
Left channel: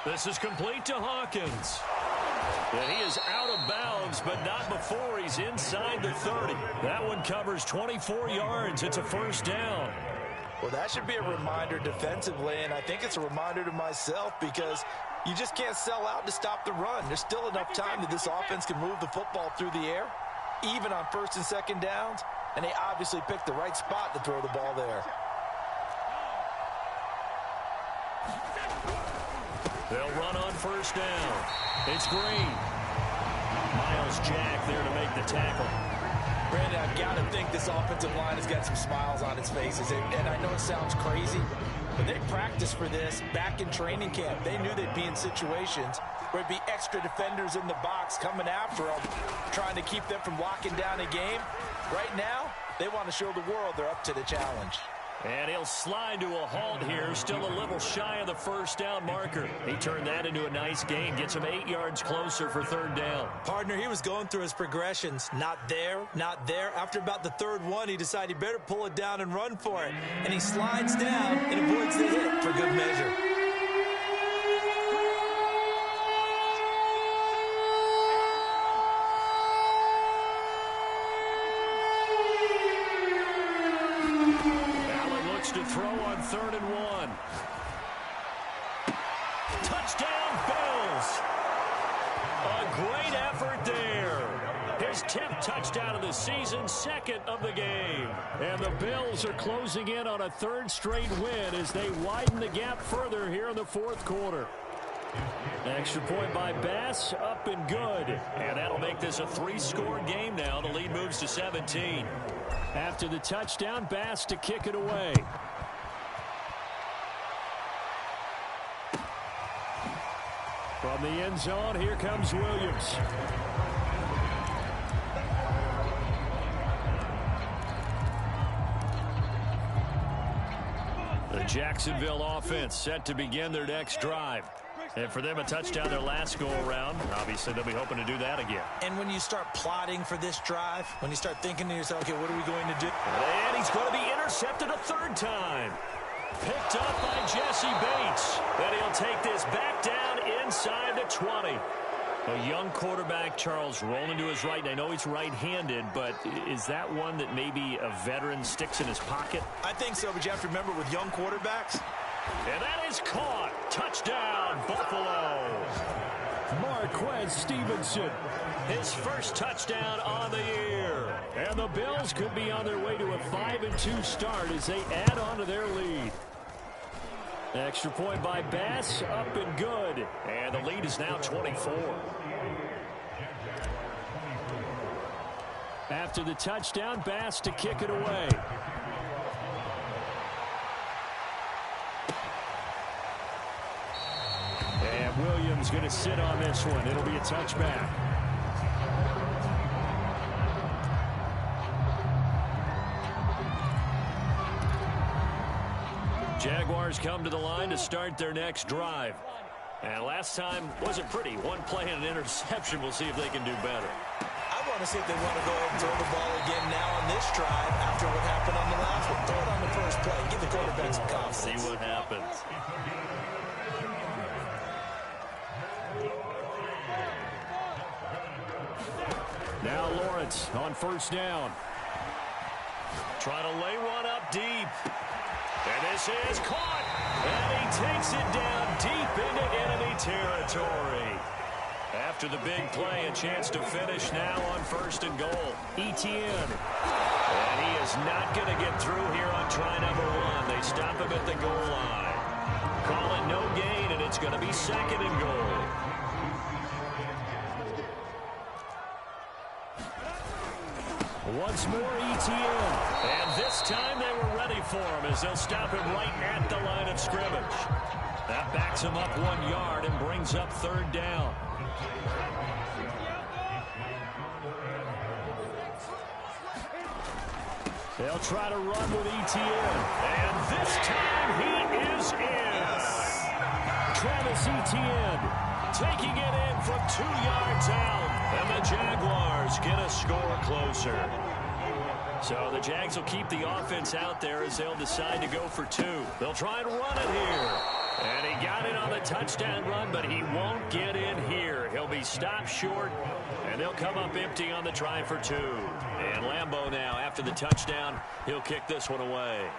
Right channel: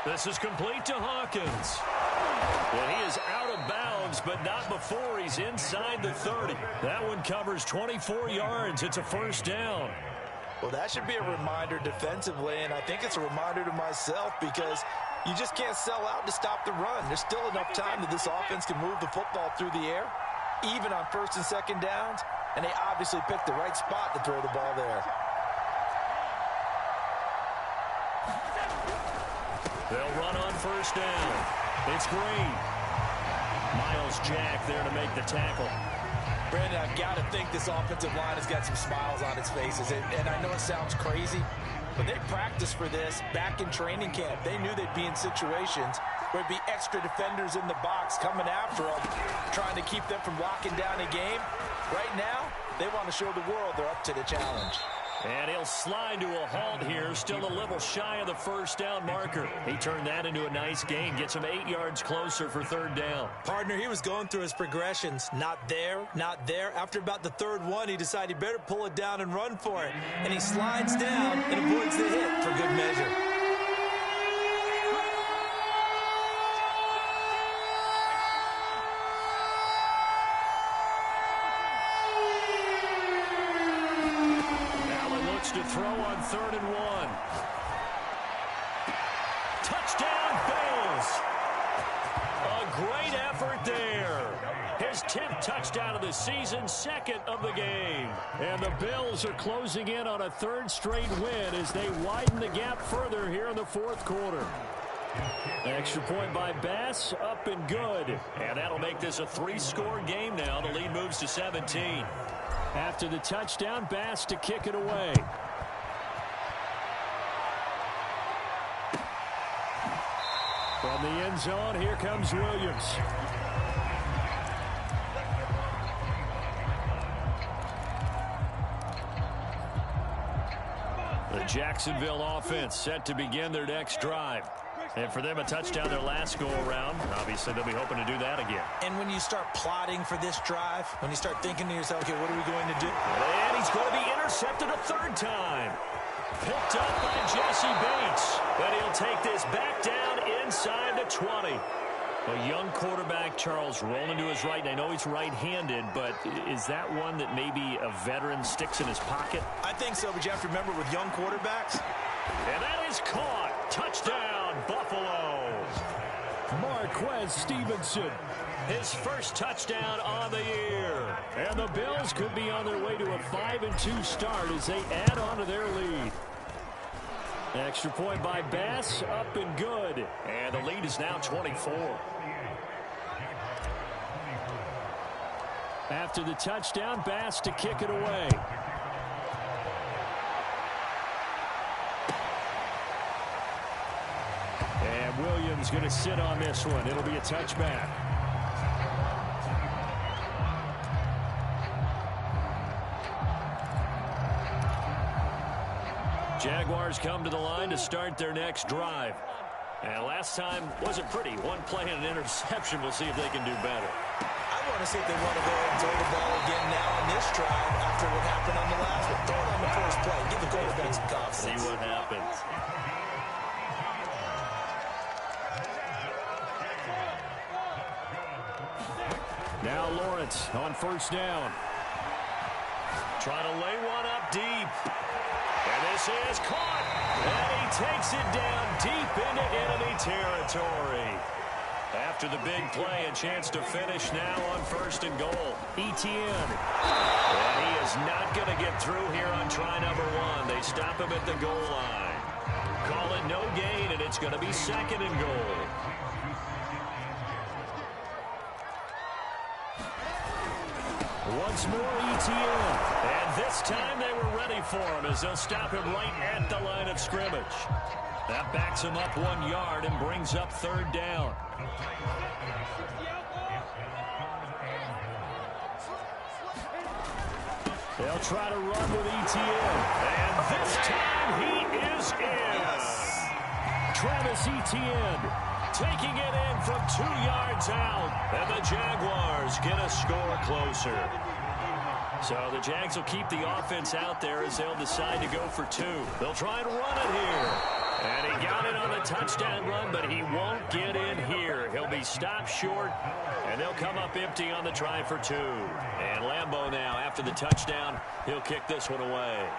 This is complete to Hawkins. And he is out of bounds, but not before he's inside the 30. That one covers 24 yards. It's a 1st down. Well, that should be a reminder defensively, and I think it's a reminder to myself because you just can't sell out to stop the run. There's still enough time that this offense can move the football through the air, even on 1st and 2nd downs, and they obviously picked the right spot to throw the ball there. They'll run on 1st down. It's Green. Miles Jack there to make the tackle. Brandon, I've got to think this offensive line has got some smiles on its faces. And I know it sounds crazy, but they practiced for this back in training camp. They knew they'd be in situations where it'd be extra defenders in the box coming after them, trying to keep them from locking down a game. Right now, they want to show the world they're up to the challenge. And he'll slide to a halt here, still a little shy of the 1st down marker. He turned that into a nice gain, gets him 8 yards closer for 3rd down. Partner, he was going through his progressions. Not there, not there. After about the 3rd one, he decided he better pull it down and run for it. And he slides down and avoids the hit for good measure. To throw on 3rd and 1. Touchdown, Bills. A great effort there. His 10th touchdown of the season, 2nd of the game. And the Bills are closing in on a 3rd straight win as they widen the gap further here in the 4th quarter. Extra point by Bass, up and good. And that'll make this a 3-score game now. The lead moves to 17. After the touchdown, Bass to kick it away. From the end zone, here comes Williams. The Jacksonville offense set to begin their next drive. And for them, a touchdown their last go-around. Obviously, they'll be hoping to do that again. And when you start plotting for this drive, when you start thinking to yourself, okay, what are we going to do? And he's going to be intercepted a 3rd time. Picked up by Jesse Bates. But he'll take this back down inside the 20. A young quarterback, Charles, rolling to his right. And I know he's right-handed, but is that one that maybe a veteran sticks in his pocket? I think so, but you have to remember with young quarterbacks. And that is caught. Touchdown, Buffalo. Marquez Stevenson. His 1st touchdown on the year. And the Bills could be on their way to a 5-2 start as they add on to their lead. Extra point by Bass, up and good. And the lead is now 24. After the touchdown, Bass to kick it away. And Williams going to sit on this one. It'll be a touchback. Jaguars come to the line to start their next drive. And last time wasn't pretty. One play and an interception. We'll see if they can do better. I want to see if they want to go ahead and throw the ball again now on this drive after what happened on the last one. Throw it on the first play. Give the quarterback some confidence. See what happens. Now Lawrence on 1st down. Trying to lay one up deep. And this is caught. And he takes it down deep into enemy territory. After the big play, a chance to finish now on 1st and goal. Etienne. And he is not going to get through here on try number 1. They stop him at the goal line. Call it no gain, and it's going to be 2nd and goal. Once more, Etienne. And this time they were ready for him as they'll stop him right at the line of scrimmage. That backs him up 1 yard and brings up 3rd down. They'll try to run with Etienne. And this time he is in. Yes. Travis Etienne taking it in from 2 yards out. And the Jaguars get a score closer. So the Jags will keep the offense out there as they'll decide to go for 2. They'll try and run it here. And he got it on the touchdown run, but he won't get in here. He'll be stopped short, and they'll come up empty on the try for 2. And Lambeau now, after the touchdown, he'll kick this one away.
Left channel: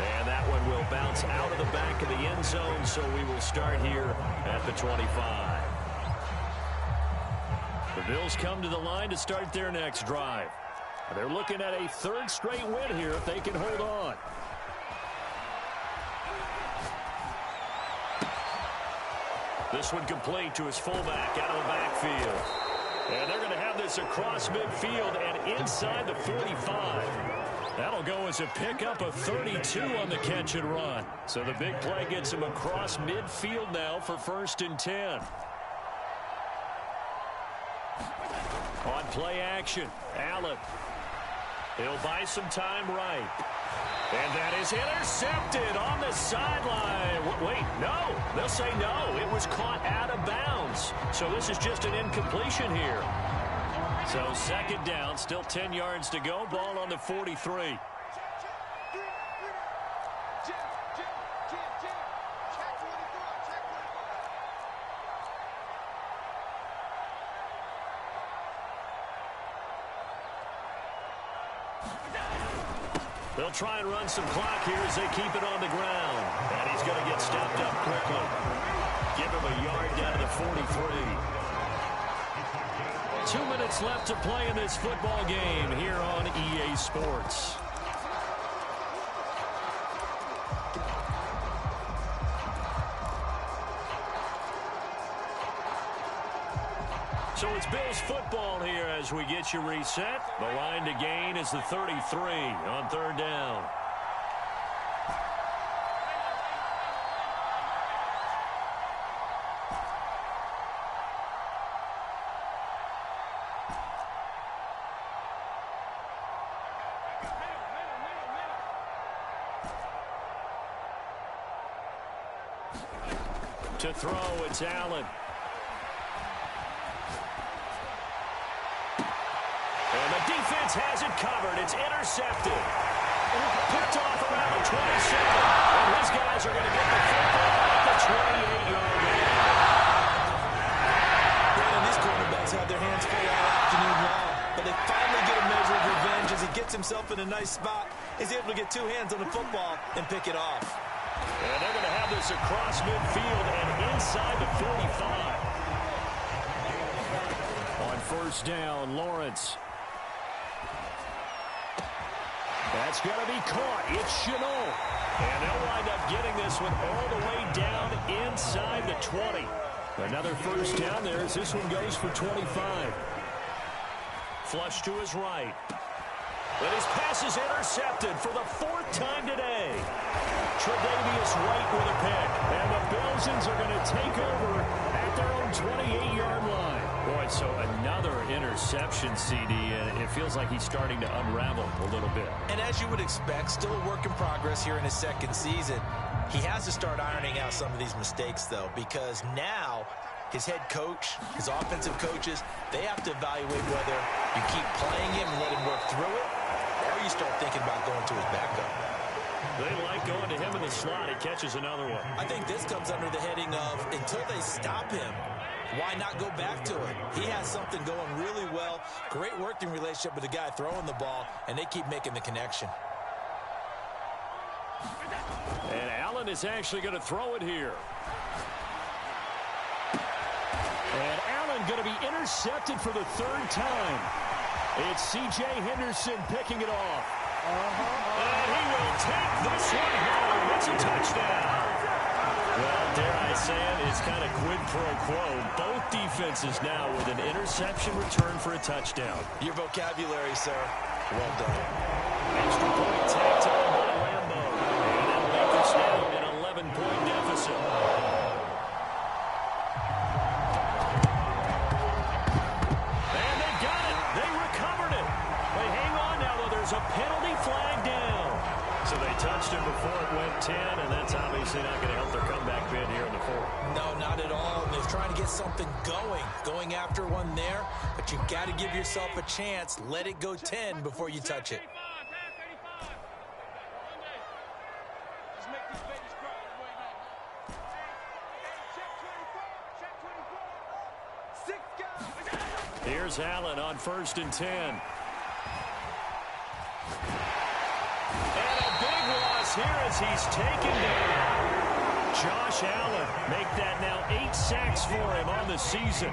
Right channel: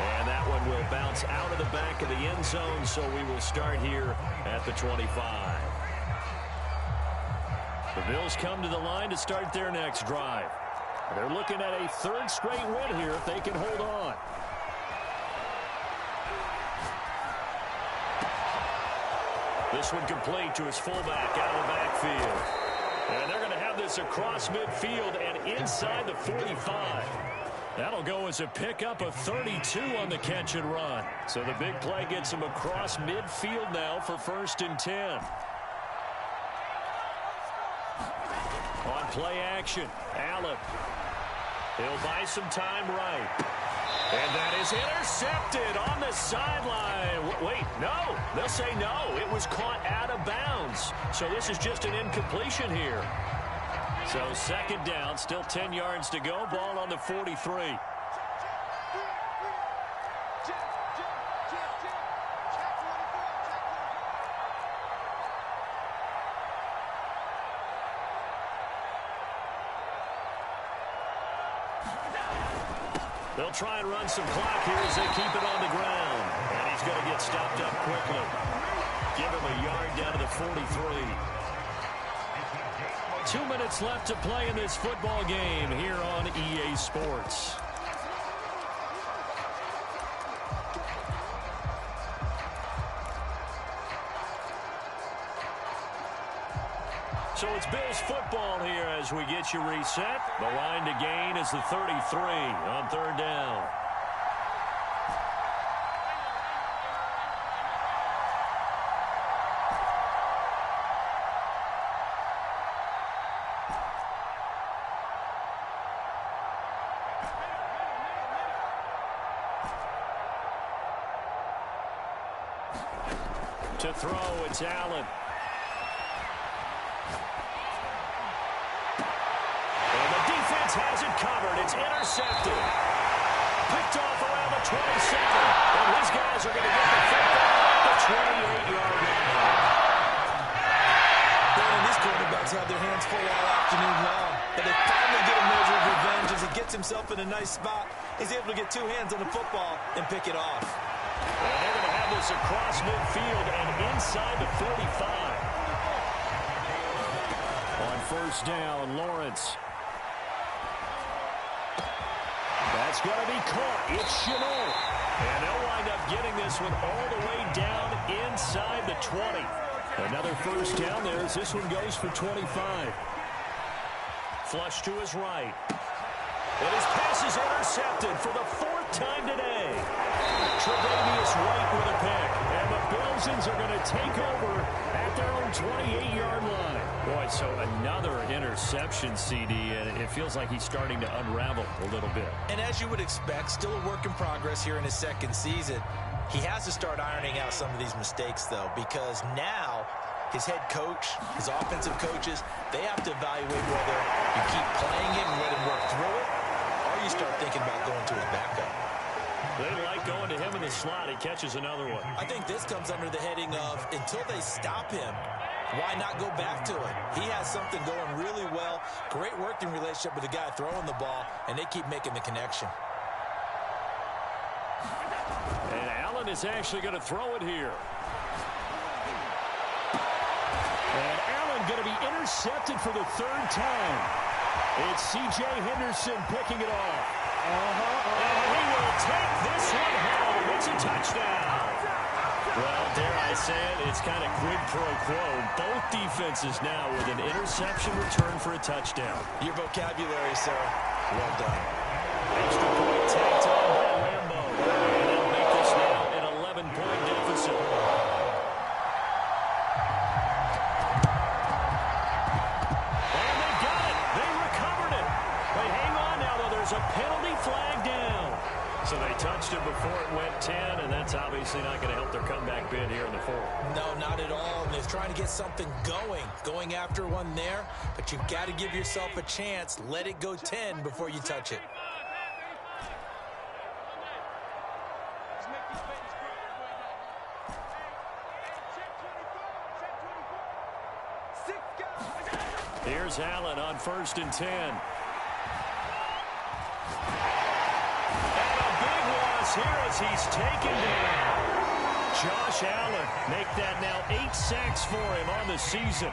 And that one will bounce out of the back of the end zone, so we will start here at the 25. The Bills come to the line to start their next drive. They're looking at a 3rd straight win here if they can hold on. This one complete to his fullback out of the backfield. And they're going to have this across midfield and inside the 45. That'll go as a pickup of 32 on the catch and run. So the big play gets him across midfield now for 1st and 10. On play action, Allen. He'll buy some time right. And that is intercepted on the sideline. Wait, no. They'll say no. It was caught out of bounds. So this is just an incompletion here. So 2nd down, still 10 yards to go. Ball on the 43. They'll try and run some clock here as they keep it on the ground. And he's going to get stopped up quickly. Give him a yard down to the 43. 2 minutes left to play in this football game here on EA Sports. So it's Bills football here as we get you reset. The line to gain is the 33 on 3rd down. To throw, it's Allen. And the defense has it covered. It's intercepted. Picked off around the 27. And his guys are going to get the football at the 28-yard line. Brandon, these quarterbacks have their hands full all afternoon long. But they finally get a measure of revenge as he gets himself in a nice spot. He's able to get 2 hands on the football and pick it off. And they're going to have this across midfield and inside the 45. On 1st down, Lawrence. That's going to be caught. It's Chenault. And they'll wind up getting this one all the way down inside the 20. Another 1st down there as this one goes for 25. Flush to his right. And his pass is intercepted for the 4th time today. Tre'Davious White with a pick. And the Bills are going to take over at their own 28-yard line. Boy, so another interception, CD, and it feels like he's starting to unravel a little bit. And as you would expect, still a work in progress here in his 2nd season. He has to start ironing out some of these mistakes, though, because now his head coach, his offensive coaches, they have to evaluate whether you keep playing him and let him work through it, or you start thinking about going to his backup. They like going to him in the slot. He catches another one. I think this comes under the heading of until they stop him, why not go back to it? He has something going really well. Great working relationship with the guy throwing the ball, and they keep making the connection. And Allen is actually going to throw it here. And Allen going to be intercepted for the third time. It's C.J. Henderson picking it off. And he will take this one home. It's a touchdown. Well, dare I say it, it's kind of quid pro quo. Both defenses now with an interception return for a touchdown. Your vocabulary, sir. Well done. Extra point tacked on by Lambo. And that'll make this now an 11-point deficit. And they've got it. They recovered it. They hang on now, though. There's a penalty flag down. So they touched him before it went 10, and that's obviously not going to help their comeback bid here in the fourth. No, not at all. And they're trying to get something going after one there. But you've got to give yourself a chance. Let it go 10 before you touch it. Here's Allen on 1st and 10. And a big loss here as he's taken down. Josh Allen make that now 8 sacks for him on the season.